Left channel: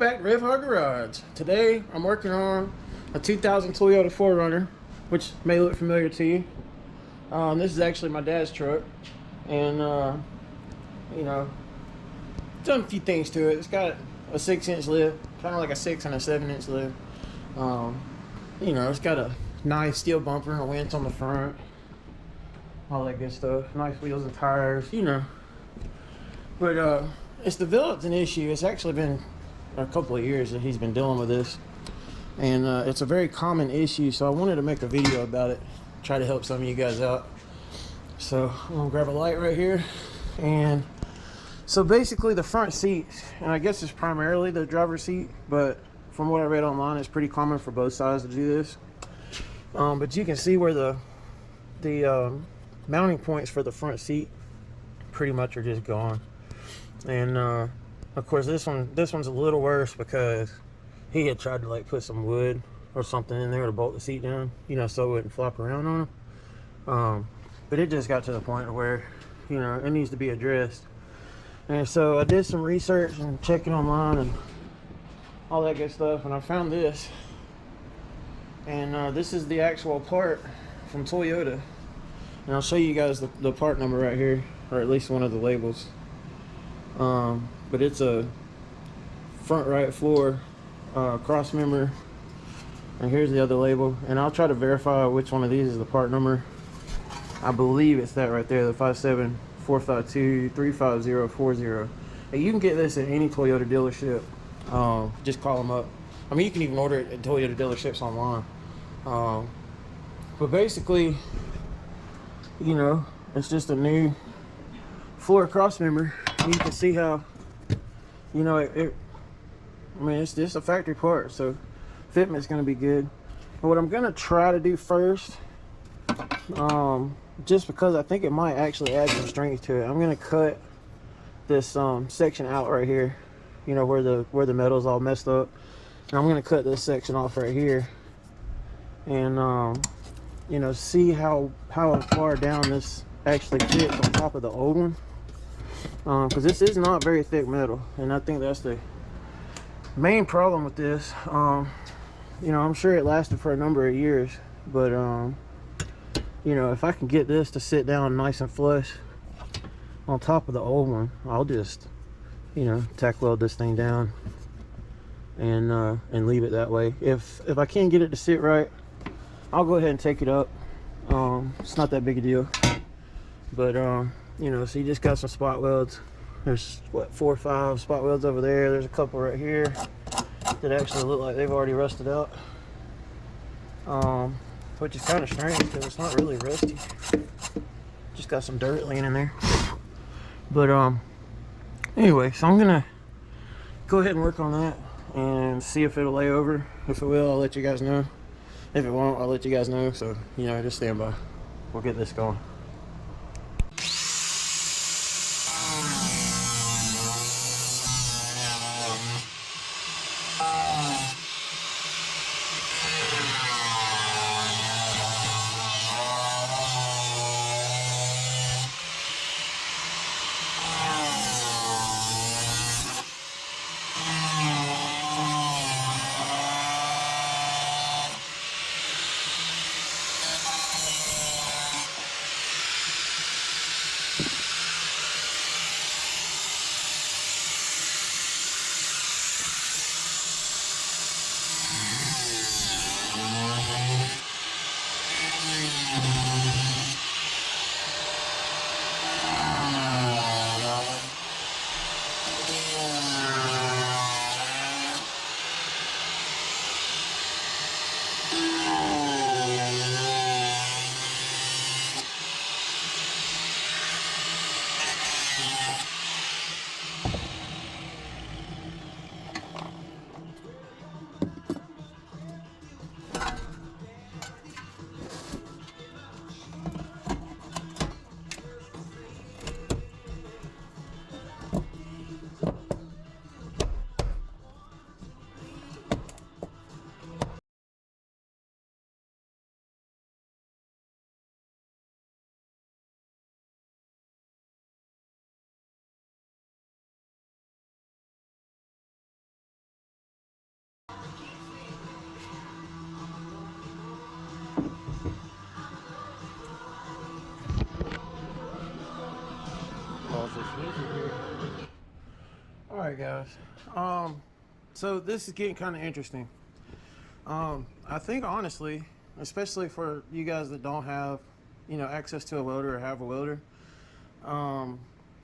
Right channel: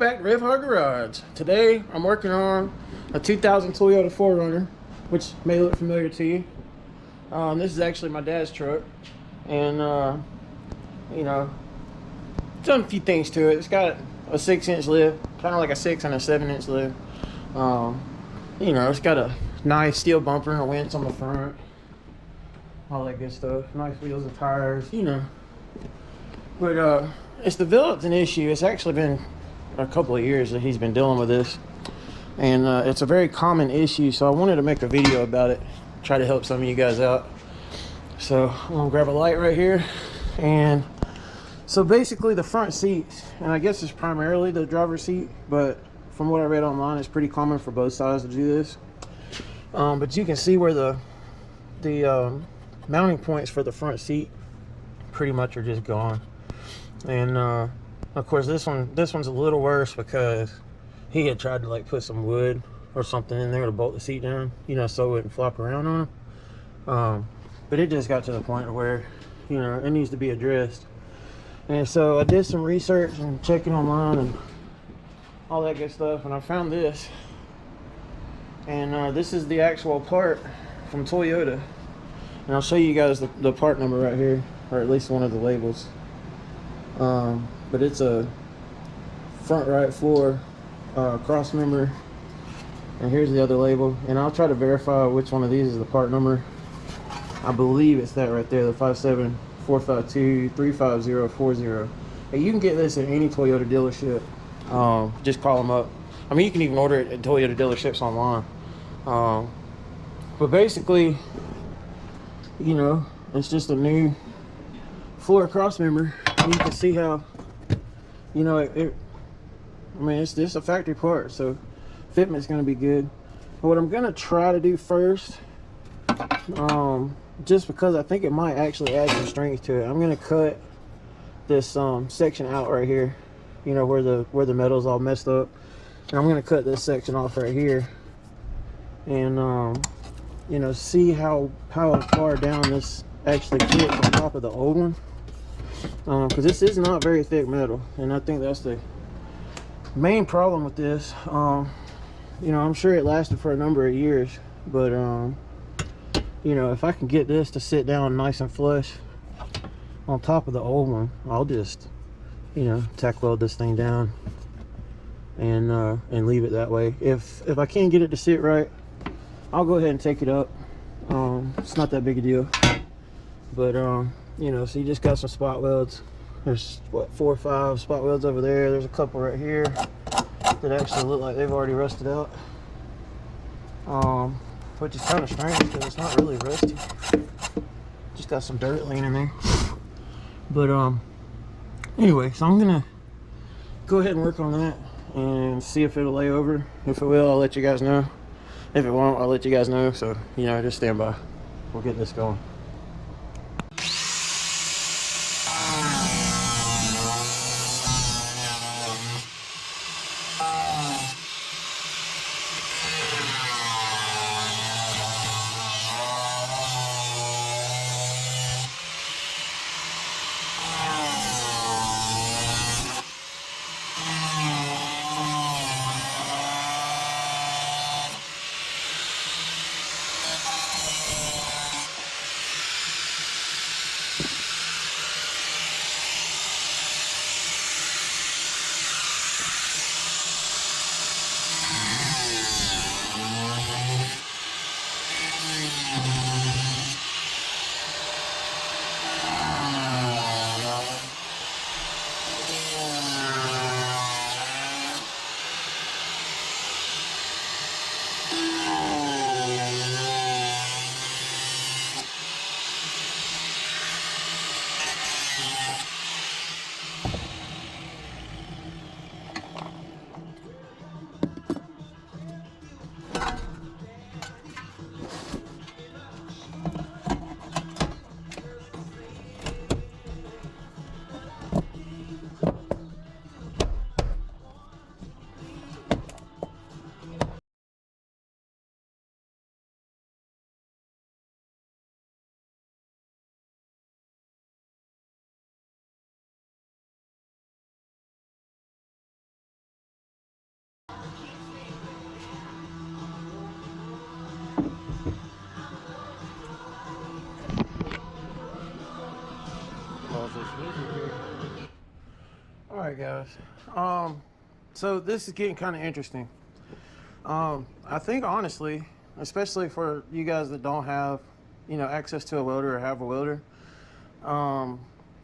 back to Red Hard Garage. Today I'm working on a 2000 Toyota 4Runner, which may look familiar to you. This is actually my dad's truck, and you know, done a few things to it. It's got a 6-inch lift, kind of like a 6 and a 7-inch lift. You know, it's got a nice steel bumper and a winch on the front, all that good stuff. Nice wheels and tires, you know. But it's developed an issue. It's actually been a couple of years that he's been dealing with this, and it's a very common issue. So I wanted to make a video about it, try to help some of you guys out. So I'm gonna grab a light right here, and so basically the front seats, and I guess it's primarily the driver's seat, but from what I read online, it's pretty common for both sides to do this. But you can see where the mounting points for the front seat pretty much are just gone. And of course this one's a little worse because he had tried to like put some wood or something in there to bolt the seat down, you know, so it wouldn't flop around on him. But it just got to the point where, you know, it needs to be addressed. And so I did some research and checking online and all that good stuff, and I found this. And this is the actual part from Toyota. And I'll show you guys the part number right here, or at least one of the labels. But it's a front right floor Crossmember, and here's the other label. And I'll try to verify which one of these is the part number. I believe it's that right there, the 57452-35040. And you can get this at any Toyota dealership. Just call them up. I mean, you can even order it at Toyota dealerships online. But basically, you know, it's just a new floor Crossmember. You can see how, you know, I mean, it's just a factory part, so fitment's gonna be good. But what I'm gonna try to do first, just because I think it might actually add some strength to it, I'm gonna cut this section out right here, you know, where the metal's all messed up. And I'm gonna cut this section off right here, and you know, see how far down this actually fits on top of the old one. Because this is not very thick metal, and I think that's the main problem with this. You know, I'm sure it lasted for a number of years, but you know, if I can get this to sit down nice and flush on top of the old one, I'll just, you know, tack weld this thing down and leave it that way. If I can't get it to sit right, I'll go ahead and take it up. It's not that big a deal, but you know, so you just got some spot welds. There's what, 4 or 5 spot welds over there. There's a couple right here that actually look like they've already rusted out, which is kind of strange because it's not really rusty, just got some dirt laying in there. But anyway, so I'm gonna go ahead and work on that and see if it'll lay over. If it will, I'll let you guys know. If it won't, I'll let you guys know. So, you know, just stand by. We'll get this going. guys. So this is getting kind of interesting. I think honestly, especially for you guys that don't have, you know, access to a welder or have a welder,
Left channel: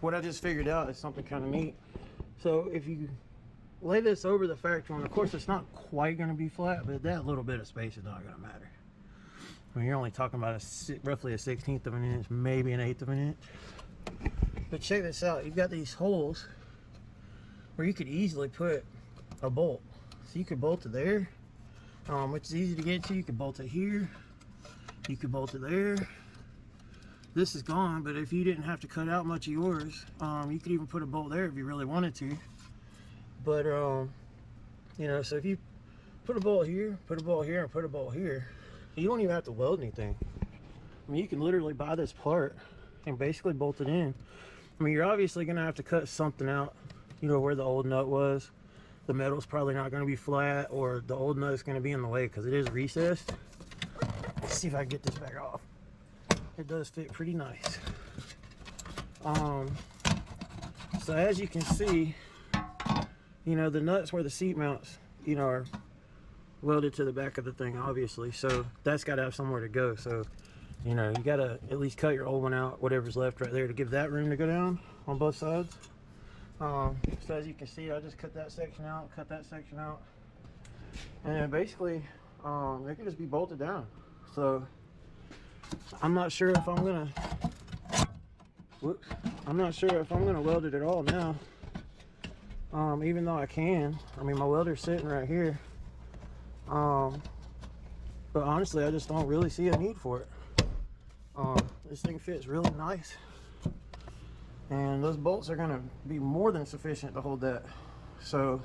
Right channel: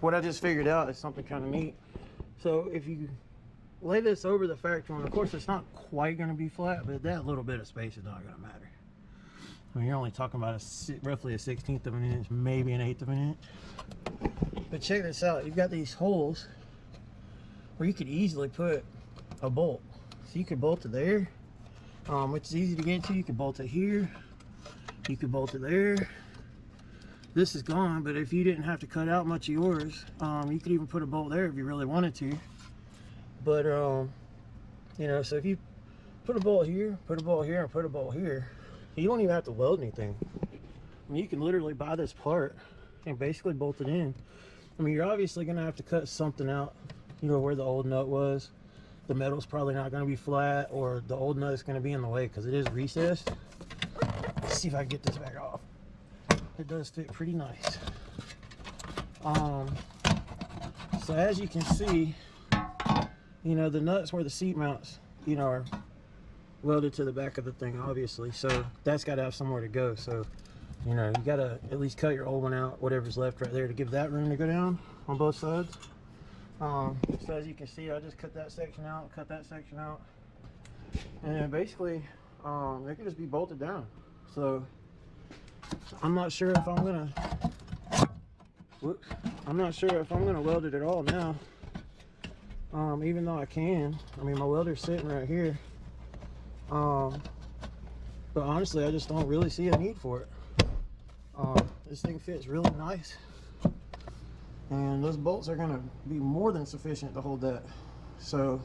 what I just figured out is something kind of neat. So if you lay this over the factory one, of course it's not quite going to be flat, but that little bit of space is not going to matter. I mean, you're only talking about roughly a 1/16 of an inch, maybe an 1/8 of an inch. But check this out, you've got these holes where you could easily put a bolt. So you could bolt it there, which is easy to get to. You could bolt it here, you could bolt it there. This is gone, but if you didn't have to cut out much of yours, you could even put a bolt there if you really wanted to. But you know, so if you put a bolt here, put a bolt here, and put a bolt here, you don't even have to weld anything. I mean, you can literally buy this part and basically bolt it in. I mean, you're obviously gonna have to cut something out, you know, where the old nut was. The metal's probably not gonna be flat, or the old nut's gonna be in the way because it is recessed. Let's see if I can get this back off. It does fit pretty nice. So as you can see, you know, the nuts where the seat mounts, you know, are welded to the back of the thing, obviously. So that's got to have somewhere to go. So, you know, you got to at least cut your old one out, whatever's left right there, to give that room to go down on both sides. So as you can see, I just cut that section out, cut that section out, and then basically they can just be bolted down. So I'm not sure if I'm gonna weld it at all now. Even though I can. I mean, my welder's sitting right here. But honestly, I just don't really see a need for it. This thing fits really nice, and those bolts are gonna be more than sufficient to hold that. So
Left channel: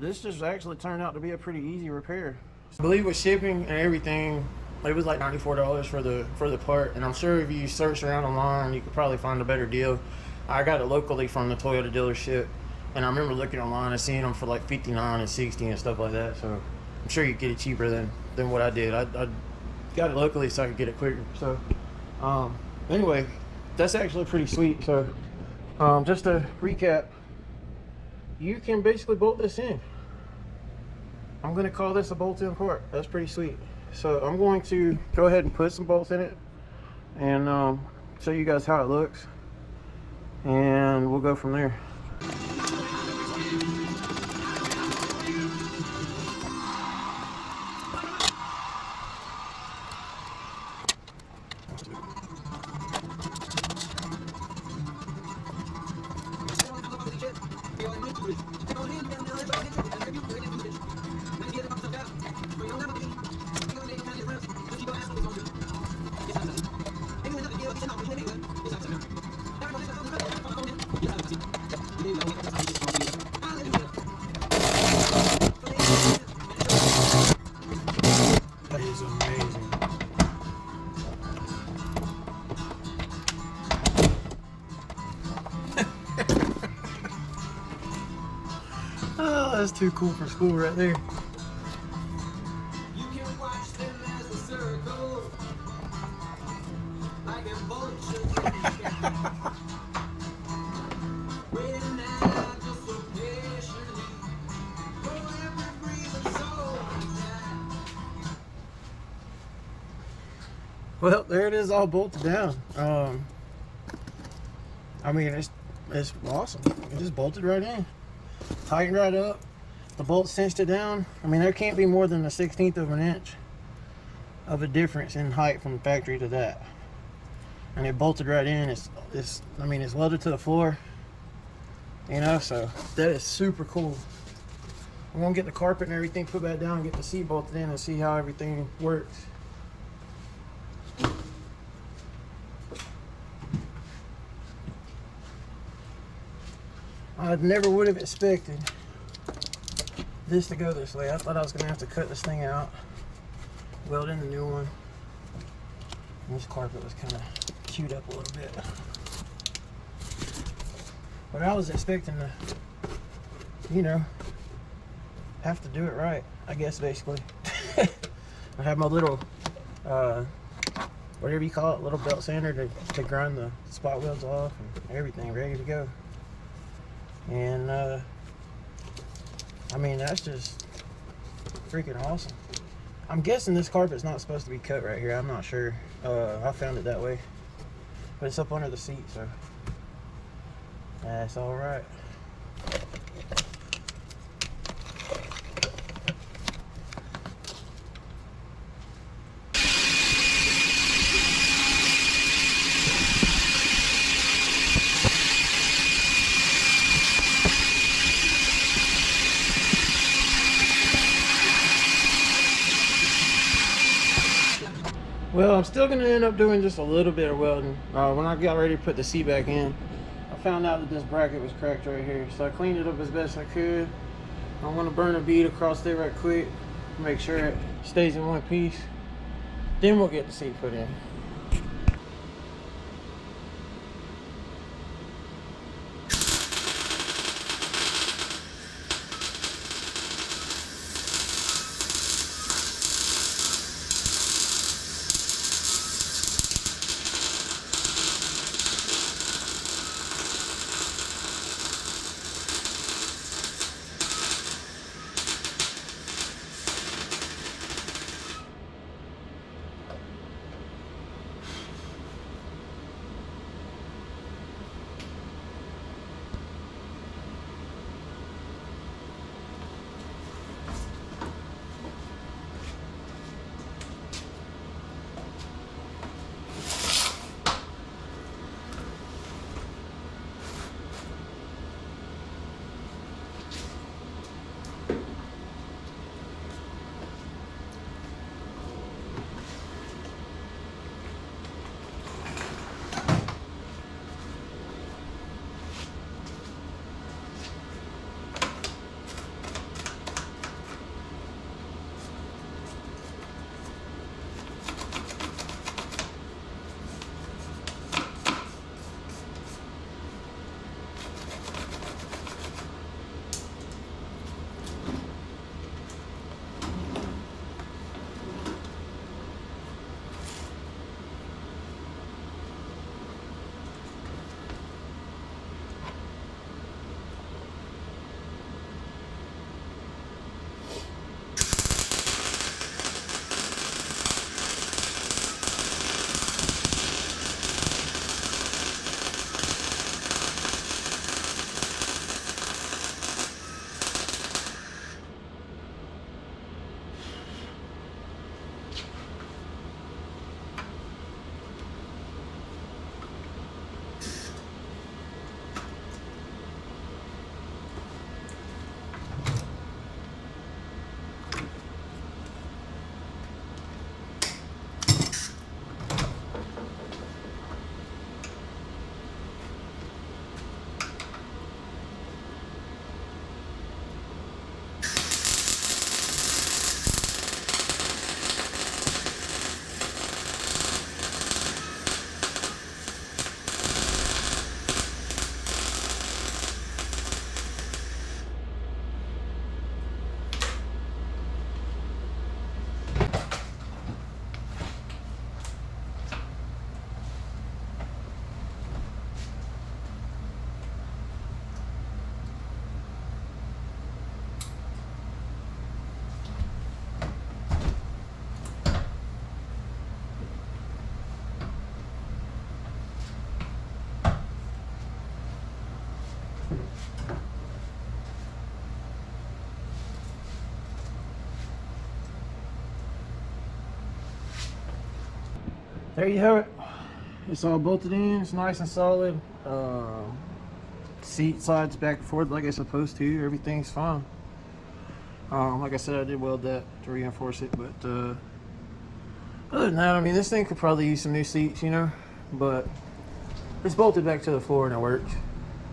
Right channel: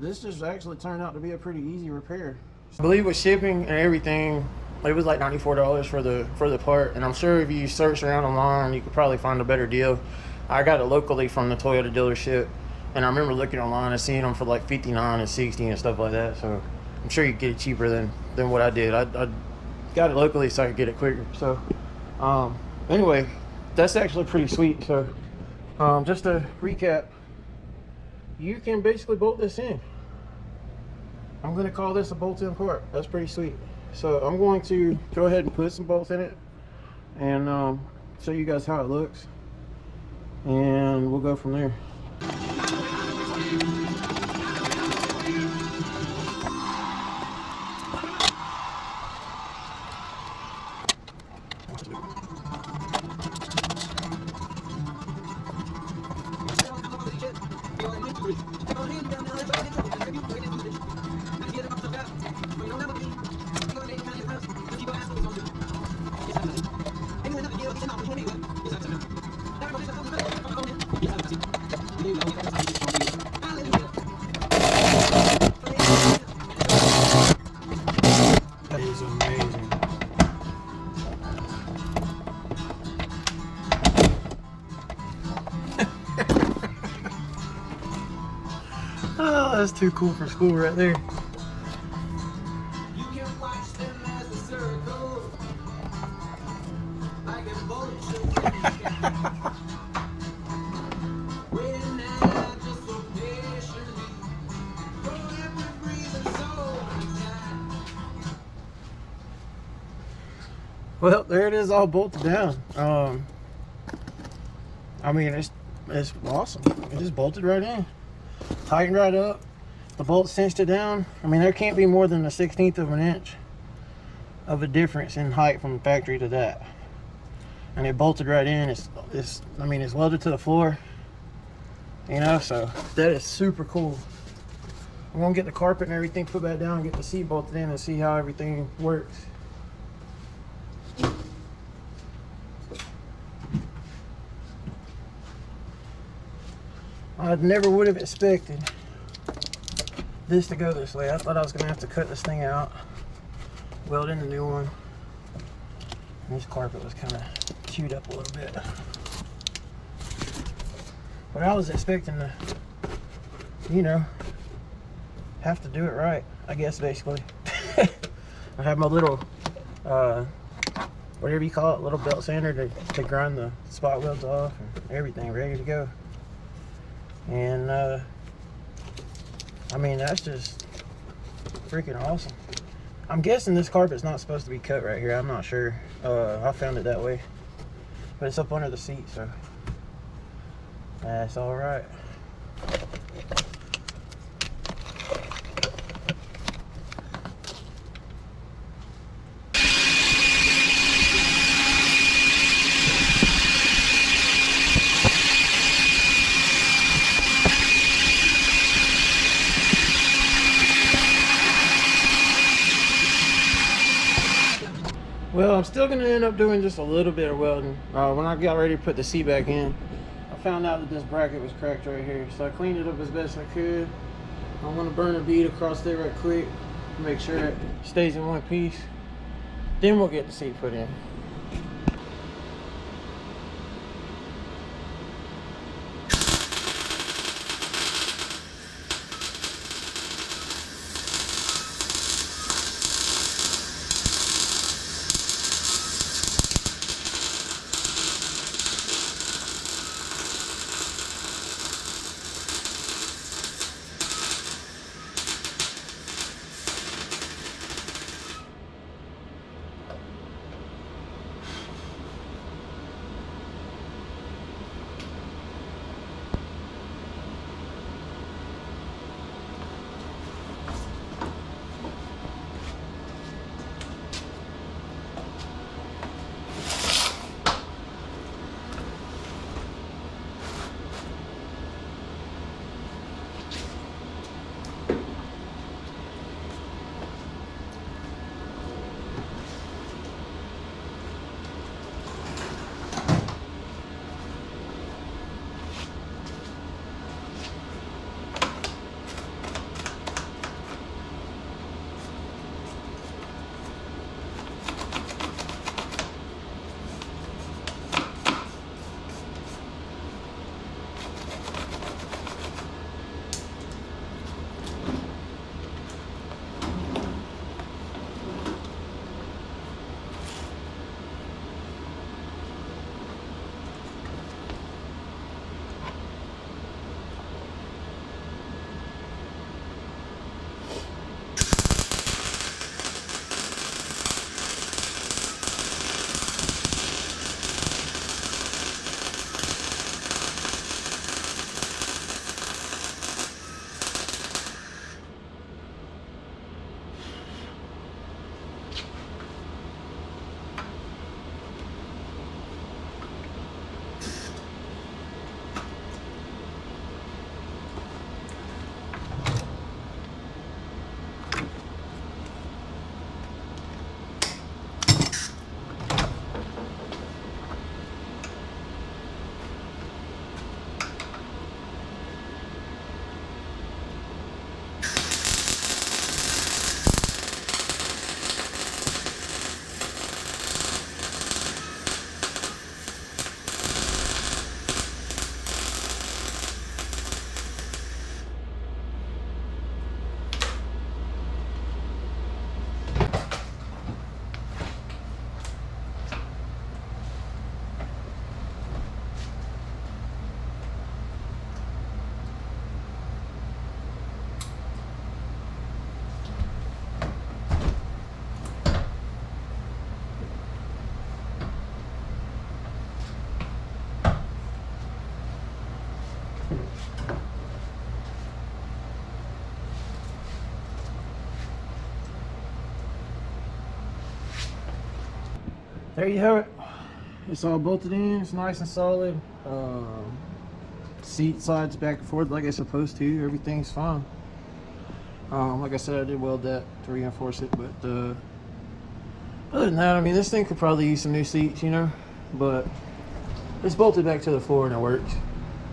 this just actually turned out to be a pretty easy repair. I believe with shipping and everything, it was like $94 for the part, and I'm sure if you search around online, you could probably find a better deal. I got it locally from the Toyota dealership, and I remember looking online and seeing them for like 59 and 60 and stuff like that. So I'm sure you could get it cheaper than what I did. I got it locally so I could get it quicker. So anyway, that's actually pretty sweet. So just to recap, you can basically bolt this in. I'm going to call this a bolt-in part. That's pretty sweet. So I'm going to go ahead and put some bolts in it and show you guys how it looks, and we'll go from there. That is amazing. Oh, that's too cool for school right there. Well, there it is, all bolted down. I mean, it's awesome. It just bolted right in, tightened right up. The bolt cinched it down. I mean, there can't be more than a 1/16 of an inch of a difference in height from the factory to that. And it bolted right in. I mean, it's welded to the floor. You know, so that is super cool. I'm gonna get the carpet and everything put back down, get the seat bolted in, and see how everything works. I never would have expected this to go this way. I thought I was gonna have to cut this thing out, weld in the new one. This carpet was kind of chewed up a little bit. But I was expecting to, you know, have to do it right, I guess, basically. I have my little, whatever you call it, little belt sander to grind the spot welds off and everything ready to go. And I mean, that's just freaking awesome. I'm guessing this carpet's not supposed to be cut right here. I'm not sure. I found it that way, but it's up under the seat, so that's all right. Well, I'm still going to end up doing just a little bit of welding. When I got ready to put the seat back in, I found out that this bracket was cracked right here. So I cleaned it up as best I could. I'm going to burn a bead across there right quick, make sure it stays in one piece. Then we'll get the seat put in. There you have it. It's all bolted in. It's nice and solid. Seat sides back and forth like it's supposed to. Everything's fine. Like I said, I did weld that to reinforce it, but other than that, I mean, this thing could probably use some new seats, you know. But it's bolted back to the floor and it works.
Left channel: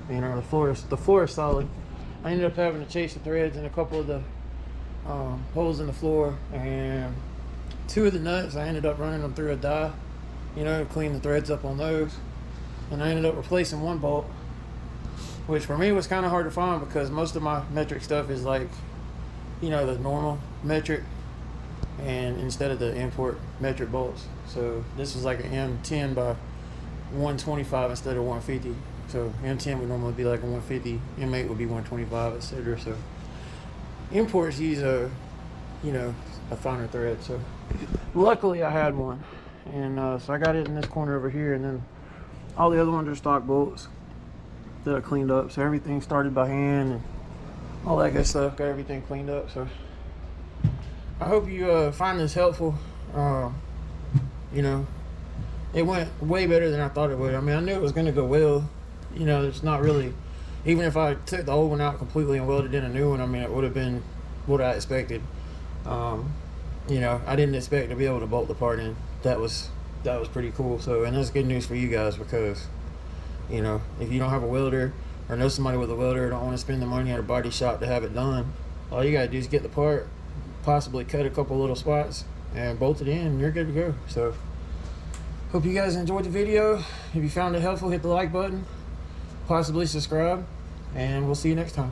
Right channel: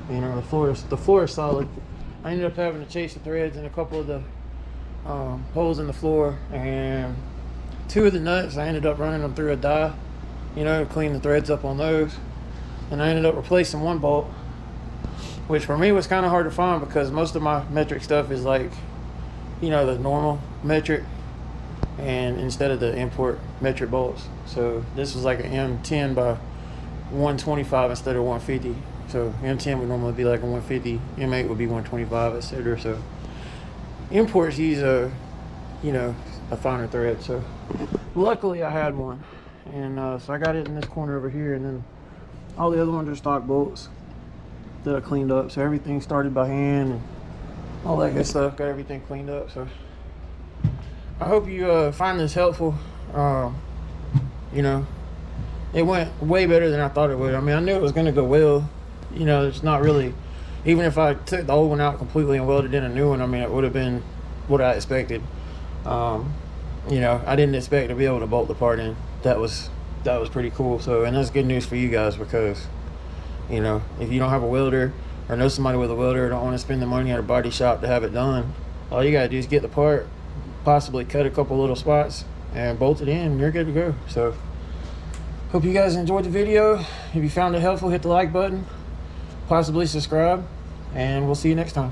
You know, the floor is solid. I ended up having to chase the threads in a couple of the holes in the floor, and 2 of the nuts I ended up running them through a die, you know, clean the threads up on those. And I ended up replacing 1 bolt, which for me was kind of hard to find because most of my metric stuff is like, you know, the normal metric, and instead of the import metric bolts. So this was like an M10 by 125 instead of 150. So M10 would normally be like a 150, M8 would be 125, etc. So imports these you know, a finer thread. So luckily I had one, and so I got it in this corner over here, and then all the other ones are stock bolts that I cleaned up. So everything started by hand and all that good stuff. Got everything cleaned up. So I hope you find this helpful. You know, it went way better than I thought it would. I mean, I knew it was going to go well. You know, it's not really, even if I took the old one out completely and welded in a new one, I mean, it would have been what I expected. You know, I didn't expect to be able to bolt the part in. That was pretty cool. So, and that's good news for you guys, because, you know, if you don't have a welder or know somebody with a welder and don't want to spend the money at a body shop to have it done, all you gotta do is get the part, possibly cut a couple little spots and bolt it in, and you're good to go. So hope you guys enjoyed the video. If you found it helpful, hit the like button, possibly subscribe, and we'll see you next time.